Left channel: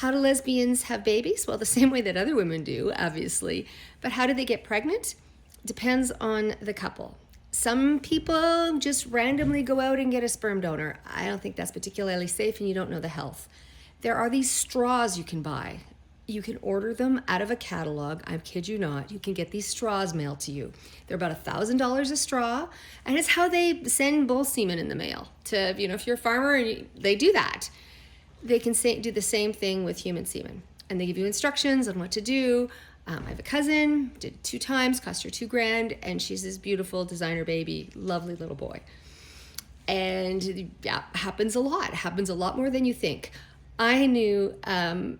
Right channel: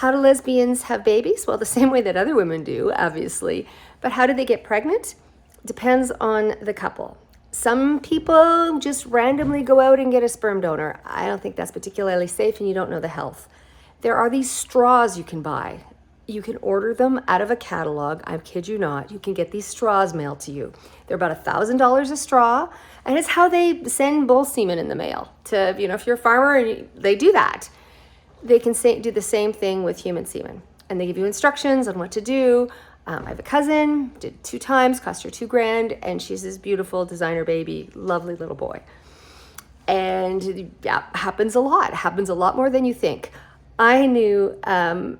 How do lesbians have babies? Well, the same way that other women do, obviously. But how do they get pregnant? Depends on the couple. Some people just randomly go out and get a sperm donor. I don't think that's particularly safe, and you don't know the health. There are these straws you can buy. You can order them out of a catalog. I kid you not. You can get these straws mailed to you. They're about $1,000 a straw, and it's how they send bull semen in the mail to, if you're a farmer and they do that. They can do the same thing with human semen, and they give you instructions on what to do. I have a cousin, did it 2 times, cost her $2,000, and she's this beautiful designer baby, lovely little boy. And yeah, happens a lot more than you think. I knew a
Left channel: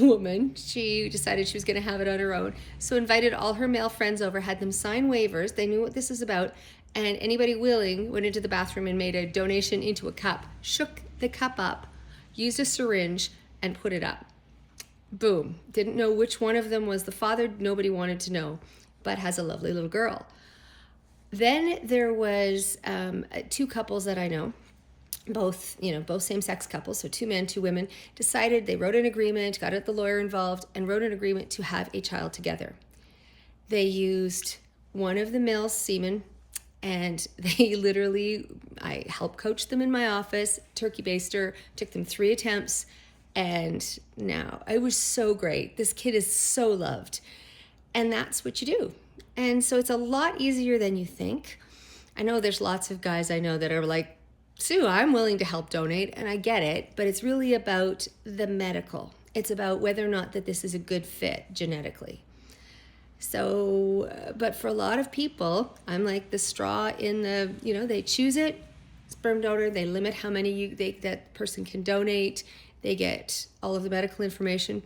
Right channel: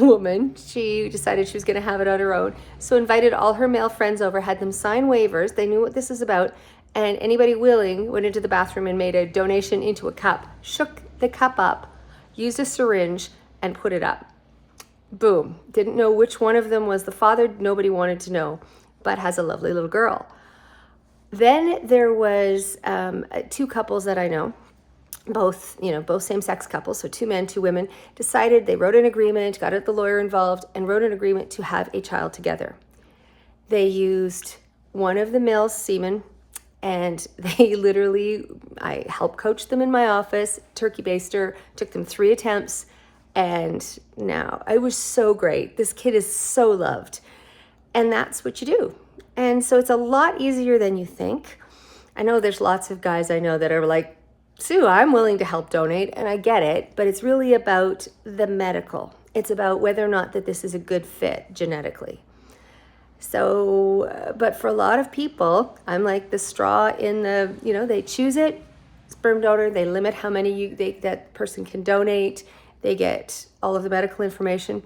woman, she decided she was going to have it on her own, so invited all her male friends over, had them sign waivers. They knew what this is about, and anybody willing went into the bathroom and made a donation into a cup, shook the cup up, used a syringe, and put it up. Boom. Didn't know which one of them was the father. Nobody wanted to know, but has a lovely little girl. Then there was 2 couples that I know, both same-sex couples, so 2 men, 2 women, decided, they wrote an agreement, got the lawyer involved, and wrote an agreement to have a child together. They used one of the male's semen, and they literally, I helped coach them in my office, turkey baster, took them 3 attempts, and now it was so great. This kid is so loved, and that's what you do. And so it's a lot easier than you think. I know there's lots of guys I know that are like, Sue, I'm willing to help donate, and I get it, but it's really about the medical. It's about whether or not that this is a good fit genetically. So, but for a lot of people, I'm like the straw in the, they choose it, sperm donor, they limit how many that person can donate, they get all of the medical information.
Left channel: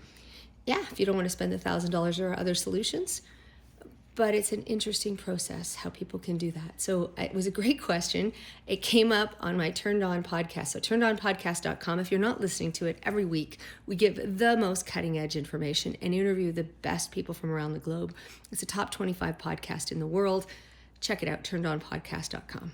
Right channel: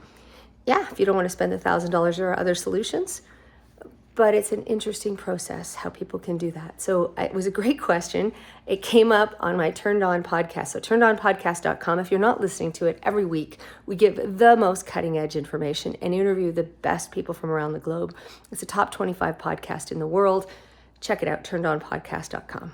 Yeah, if you don't want to spend $1,000, there are other solutions, but it's an interesting process how people can do that. So it was a great question. It came up on my Turned On podcast. So turnedonpodcast.com. If you're not listening to it, every week we give the most cutting edge information and interview the best people from around the globe. It's a top 25 podcast in the world. Check it out, turnedonpodcast.com.